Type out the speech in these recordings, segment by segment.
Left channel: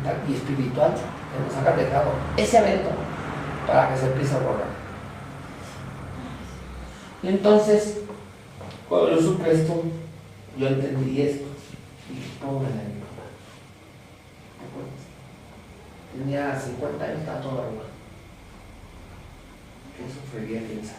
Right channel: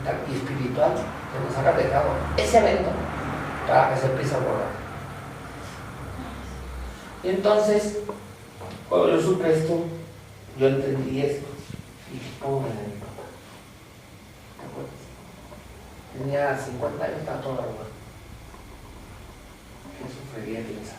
mental y espiritual que nos haga dejado ese evento para que se empiece a borrar. Y entonces, cuando yo supe esto, yo entendí esto y dije, pobre de mi papá. ¿Te acuerdas? Tenía 50 años, estaba todo arrugado. ¿Qué sufriría, quién sabe?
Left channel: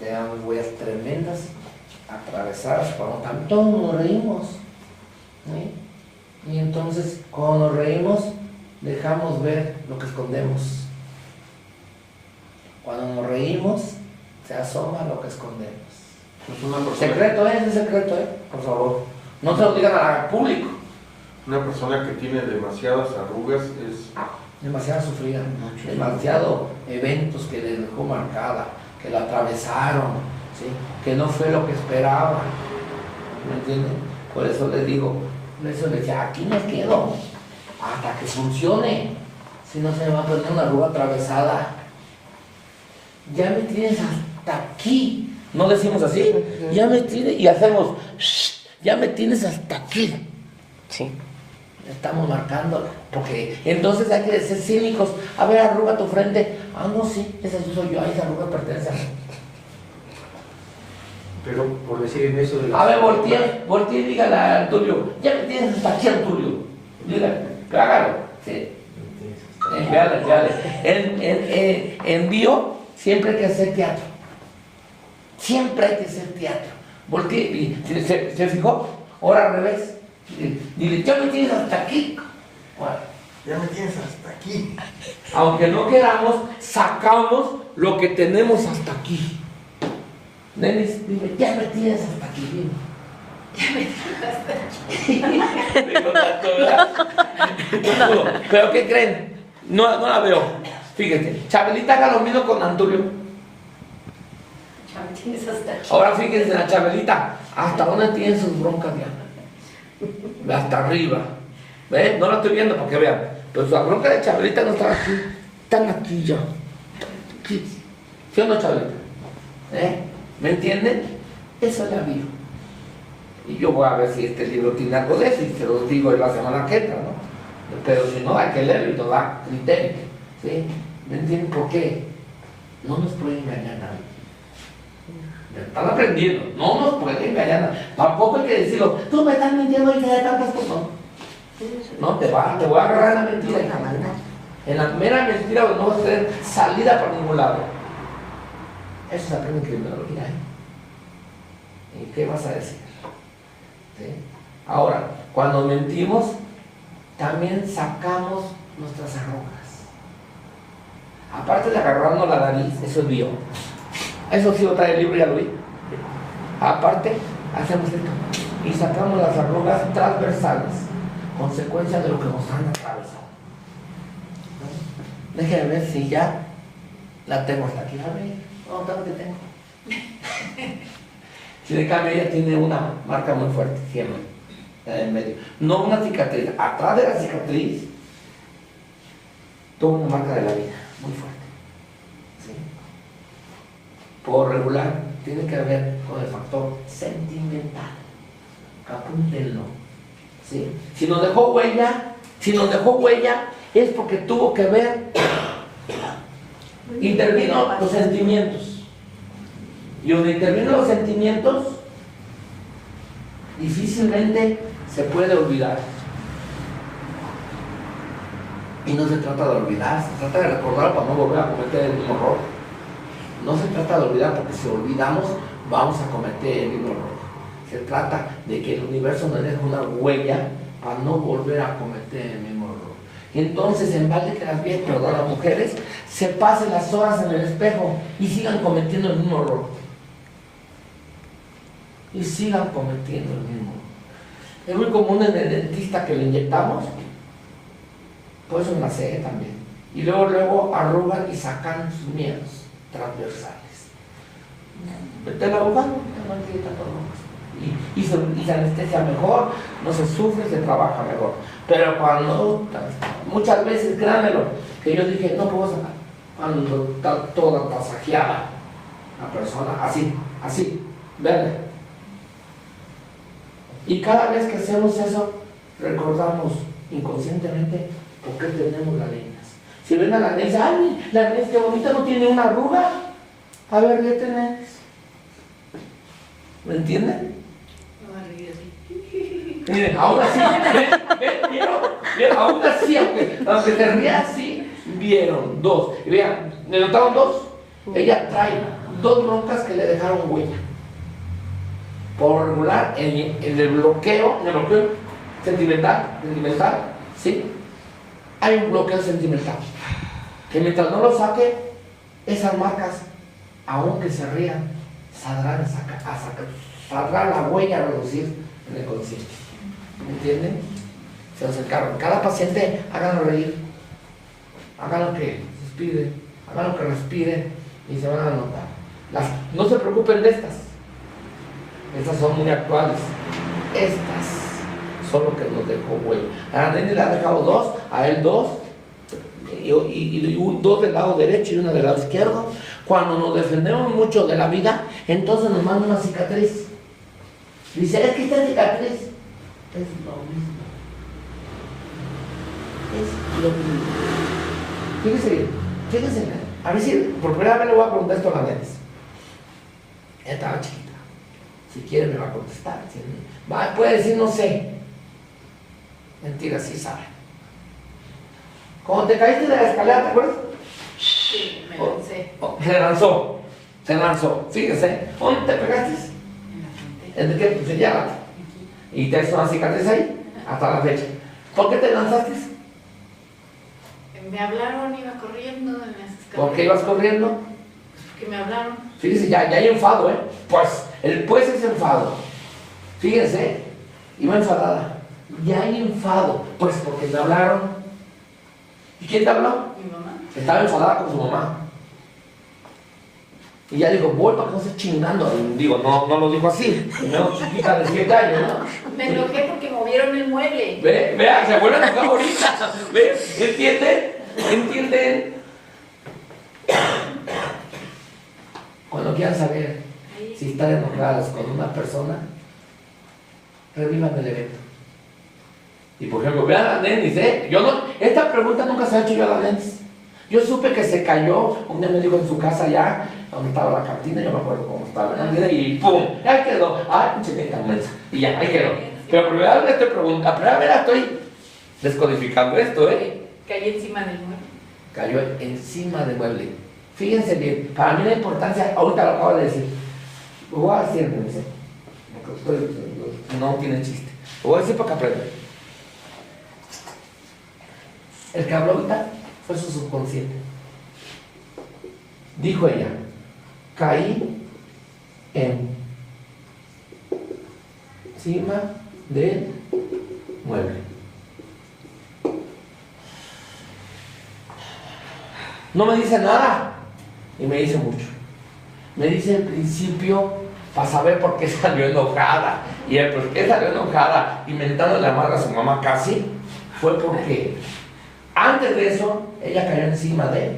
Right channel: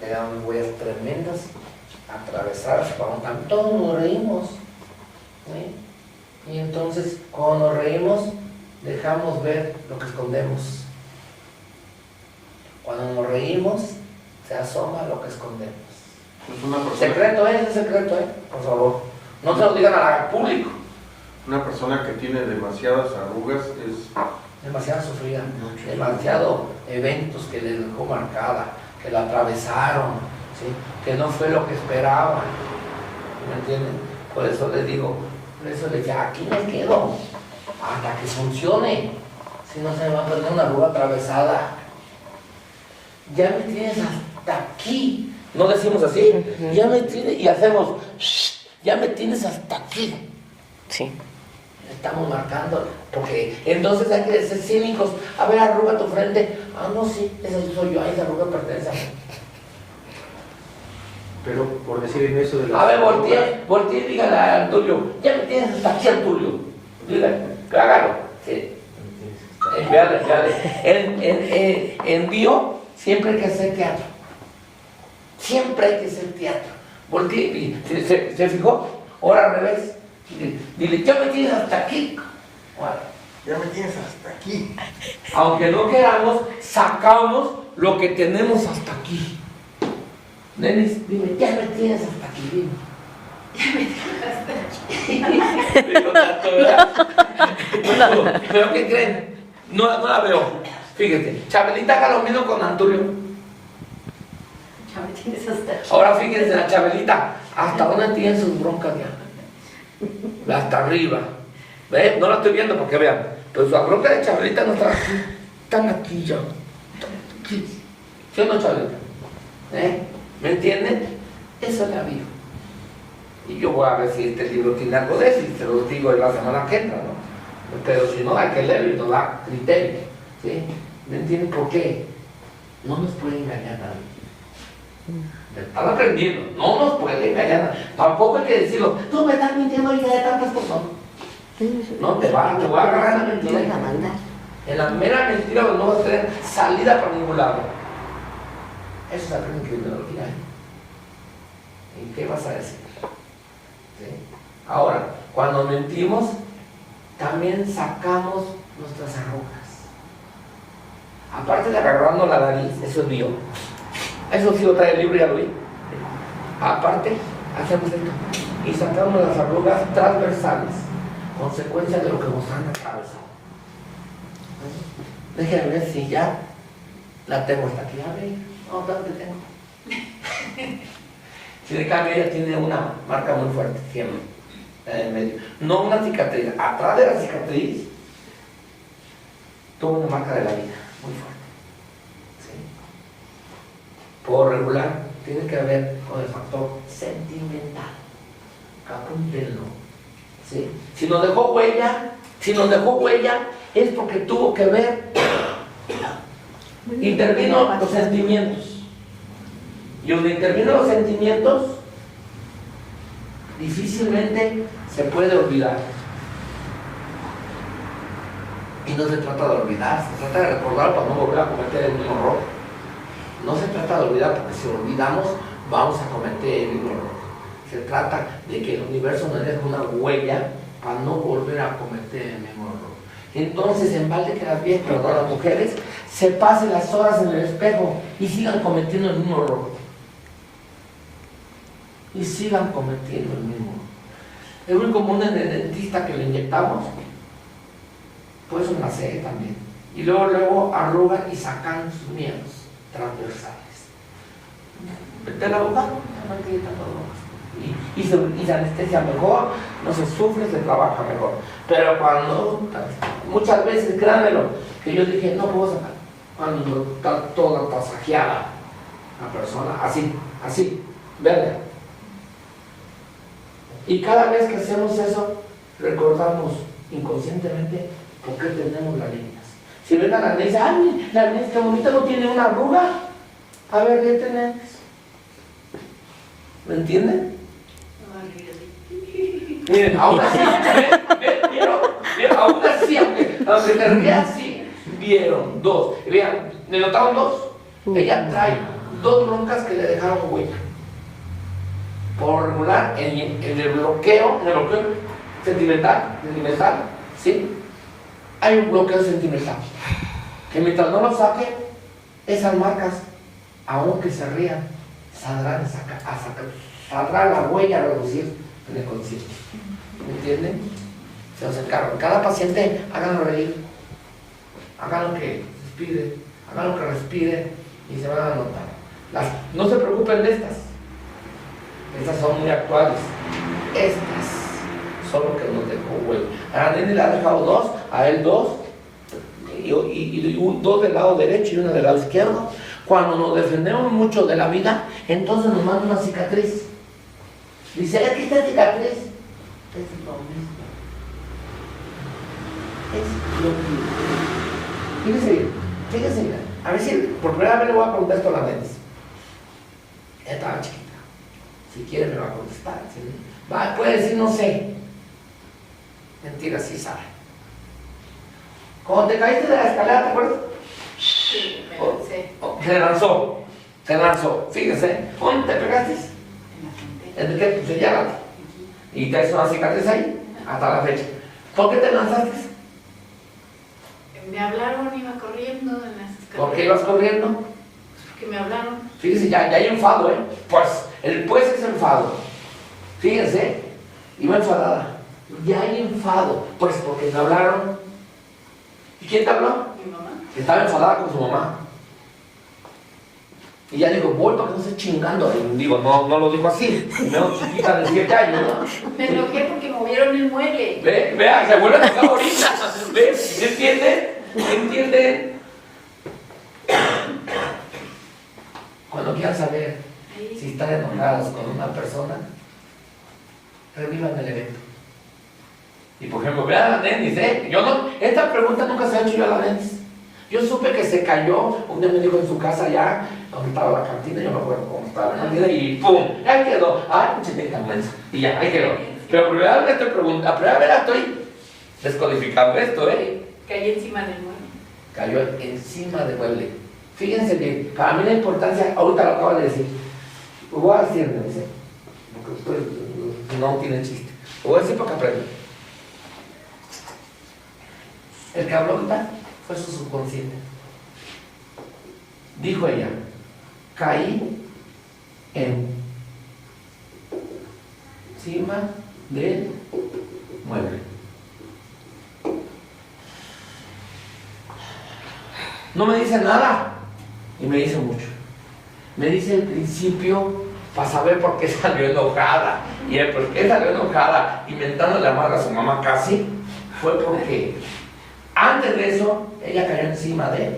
Tenía unas huellas tremendas, atravesadas, cuando todos nos reímos. ¿Sí? Y entonces, cuando nos reímos, dejamos ver lo que escondemos. Cuando nos reímos, se asoma lo que escondemos. Es una persona... Secreto, es secreto, por favor. No se lo digan al público. Una persona que tiene demasiadas arrugas es... demasiado sufrida, demasiado eventos que le dejó marcada, que la atravesaron, ¿sí? Que no fue lo que esperaba. ¿Me entienden? Por eso les digo, por eso les decía, aquí me quedo hasta que funcione. Si no, se me va a poner una arruga atravesada. Ya me tienes hasta aquí. No decimos así, ya me tienes, y hacemos, ya me tienes hasta aquí. Sí. Estamos marcando, porque entonces hay que ser cínicos. A ver, arruga tu frente. Ah, no, sí, esa sí soy yo, esa arruga pertenece a mí. Pero por decir en eso de la... A ver, volteé y dígale al tuyo, ya me tienes hasta aquí al tuyo. Dile, claro, sí. En bio siempre hay que hacer teatro. Siempre hay que hacer teatro. Volteé, ¿se fijó? Ahora al revés. Dile, ya me tienes hasta aquí. Bueno, Ya me tienes hasta aquí. aunque no queramos, sacamos lo que tenemos hasta aquí. Denis, dile, ya me tienes hasta aquí. Dime. Ya me tienes hasta aquí. ¿Pero qué creen? No la veo. Fíjate, Chabelita haga lo mismo con Antonio. Ya me tienes hasta aquí. Ahora fíjense, la Chabelita, ¿hasta dónde tiene sus broncas ya? Hasta arriba. ¿Ven? No la estoy viendo porque vean. Pero la bronca de Chabelita no está aquí. Están aquí ya. ¿Sí o no, Chabelita? ¿Me entienden? Esa es la vida. Y yo voy a ver si este libro tiene algo de eso y se los digo en la semana que entra, ¿no? Pero si no, hay que leerlo y nos da criterio. ¿Sí? ¿Me entienden por qué? No nos puede engañar nadie. Me están aprendiendo, no nos puede engañar. Tampoco hay que decirlo, tú me estás mintiendo y de tantas cosas. No, te voy a agarrar en la mentira. En la mera mentira no vas a tener salida por ningún lado. Eso se aprende en criminología. ¿Y qué vas a decir? ¿Sí? Ahora, cuando mentimos, también sacamos nuestras arrugas. Aparte de agarrarnos la nariz, eso es bio. Eso sí lo trae el libro, ya lo vi. Aparte, hacemos esto y sacamos las arrugas transversales, consecuencia de lo que nos han atravesado. Déjenme ver si ya la tengo hasta aquí. A ver, no, ¿dónde tengo? Si de cambio ella tiene una marca muy fuerte, siempre, en medio. No una cicatriz, atrás de la cicatriz tuvo una marca de la vida muy fuerte. ¿Sí? Por regular, tiene que ver con el factor sentimental. Apúntenlo. ¿Sí? Si nos dejó huella, es porque tuvo que ver, intervino los sentimientos. Y donde intervienen los sentimientos, difícilmente se puede olvidar. Y no se trata de olvidar, se trata de recordar para no volver a cometer el mismo error. No se trata de olvidar, porque si olvidamos, vamos a cometer el mismo error. Se trata de que el universo nos deje una huella para no volver a cometer el mismo error. Entonces, en vez de que las mujeres se pasen las horas en el espejo y sigan cometiendo el mismo error. Y sigan cometiendo el mismo error. Es muy común en el dentista que le inyectamos, por eso en la ceja también. Y luego arrugan y sacan sus miedos transversales. Vete al abogado, y se anestesia mejor, no se sufre, se trabaja mejor. Pero cuando, muchas veces, créanmelo, que yo dije, no puedo sacar, cuando está toda tasajeada la persona, así, verde. Y cada vez que hacemos eso, recordamos inconscientemente, ¿por qué tenemos las líneas? Si ven a la niña, ¡ay, la niña que bonita, no tiene una arruga! A ver, ¿qué tenés? ¿Me entienden? Miren, aún así, ¿vieron? Aún así, aunque te rías así, vieron dos. Y vean, ¿me notaron dos? Ella trae dos broncas que le dejaron huella. Por regular, en el bloqueo sentimental, ¿sí? Hay un bloqueo sentimental. Que mientras no lo saque, esas marcas, aunque se rían, saldrán la huella a reducir en el concierto. ¿Me entienden? Se acercaron. Cada paciente, háganlo reír, háganlo que respire y se van a notar. No se preocupen de estas son muy actuales. Estas son lo que nos dejó huella. A la nene le ha dejado dos, a él dos, y dos del lado derecho y una del lado izquierdo. Cuando nos defendemos mucho de la vida, entonces nos mandan una cicatriz. Dice, aquí está cicatriz. Es lo mismo. Es lo mismo. Fíjese bien. A ver si por primera vez le voy a preguntar esto a la nene. Ella estaba chiquita. Si quiere me va a contestar. ¿Sí? Puede decir no sé. Mentira, sí sabe. Cuando te caíste de la escalera, ¿te acuerdas? Sí, me lancé. Se lanzó. Fíjese. ¿Dónde te pegaste? ¿En qué? Pues señala. Y te hizo una cicatriz ahí, hasta la fecha. ¿Por qué te lanzaste? Me hablaron, iba corriendo en las escaleras. ¿Por qué ibas corriendo? Porque me hablaron. Fíjese, ya hay enfado, ¿eh? Pues es enfado. Fíjense, iba enfadada. Ya hay enfado, pues porque me hablaron. ¿Y quién te habló? Mi mamá. Estaba enfadada con su mamá. Y ya digo, voy para que no esté chingando. Y digo, no lo dijo así. No, chiquita de 7 años, ¿no? Me enojé porque movieron el mueble. Vea, se vuelve a tocar ahorita. ¿Entienden? ¿Entienden? Cuando quieran saber si están enojados con una persona, revivan el evento. Y por ejemplo, vean a Denis, esta pregunta nunca se ha hecho yo a la Denis. Yo supe que se cayó, un día me dijo en su casa ya, donde estaba la cantina, yo no me acuerdo cómo estaba la cantina, y ¡pum! Ahí quedó. ¡Ay, chiquita inmensa! Y ya, ahí quedó. Pero por primera vez estoy descodificando esto, Cayó encima del mueble. Cayó encima del mueble. Fíjense bien, para mí la importancia, ahorita lo acabo de decir, lo voy a decir, porque ustedes no tienen chiste. Lo voy a decir para que aprendan. El que habló ahorita fue su subconsciente. Dijo ella, caí encima del mueble. No me dice nada y me dice mucho. Me dice el principio para saber por qué salió enojada. Y el por qué salió enojada, inventando la madre a su mamá casi, fue porque antes de eso ella cayó encima de él.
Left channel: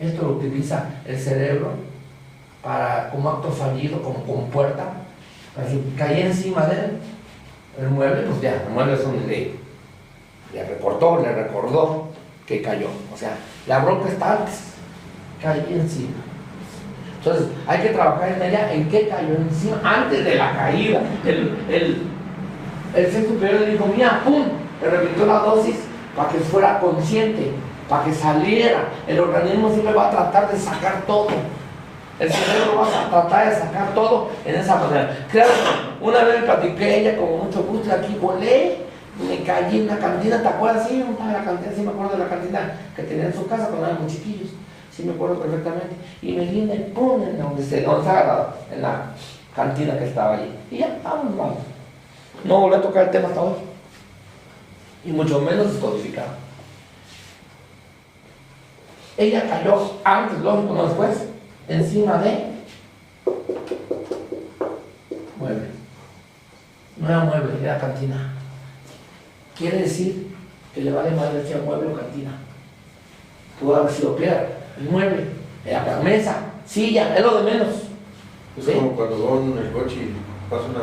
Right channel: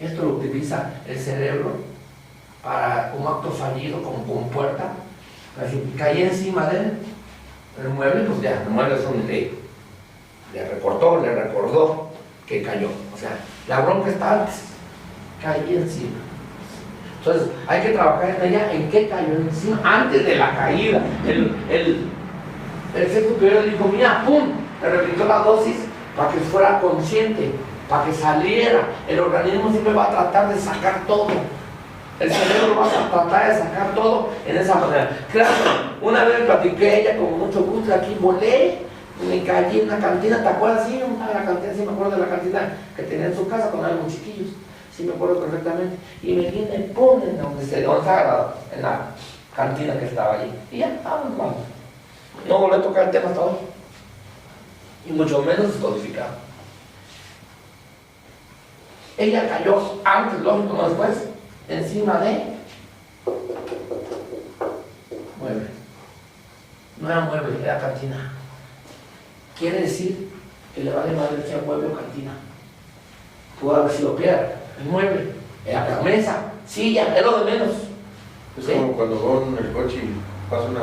Esto lo utiliza el cerebro para un acto fallido como compuerta. Para decir, caí encima de él. El mueble, pues ya, el mueble es un le recordó que cayó. O sea, la bronca está antes. Caí encima. Entonces, hay que trabajar en ella en qué cayó encima antes de la caída. El ser superior le dijo, mira, pum, le repitió la dosis para que fuera consciente, para que saliera. El organismo siempre va a tratar de sacar todo. El cerebro va a tratar de sacar todo en esa manera. Claro, una vez platiqué ella con mucho gusto y aquí volé, me caí en una cantina, ¿te acuerdas? Sí, la cantina, sí me acuerdo de la cantina que tenía en su casa cuando éramos chiquillos. Sí me acuerdo perfectamente. Y me vine, pum, en la cantina que estaba allí. Y ya, vamos. No volví a tocar el tema hasta hoy. Y mucho menos descodificado. Ella cayó antes, lógico, no después, encima de mueble. No era mueble, era cantina. Quiere decir que le vale madre si era mueble o cantina. Pudo haber sido piedra, el mueble, la mesa, silla, es lo de menos. Es como cuando van en el coche y pasa una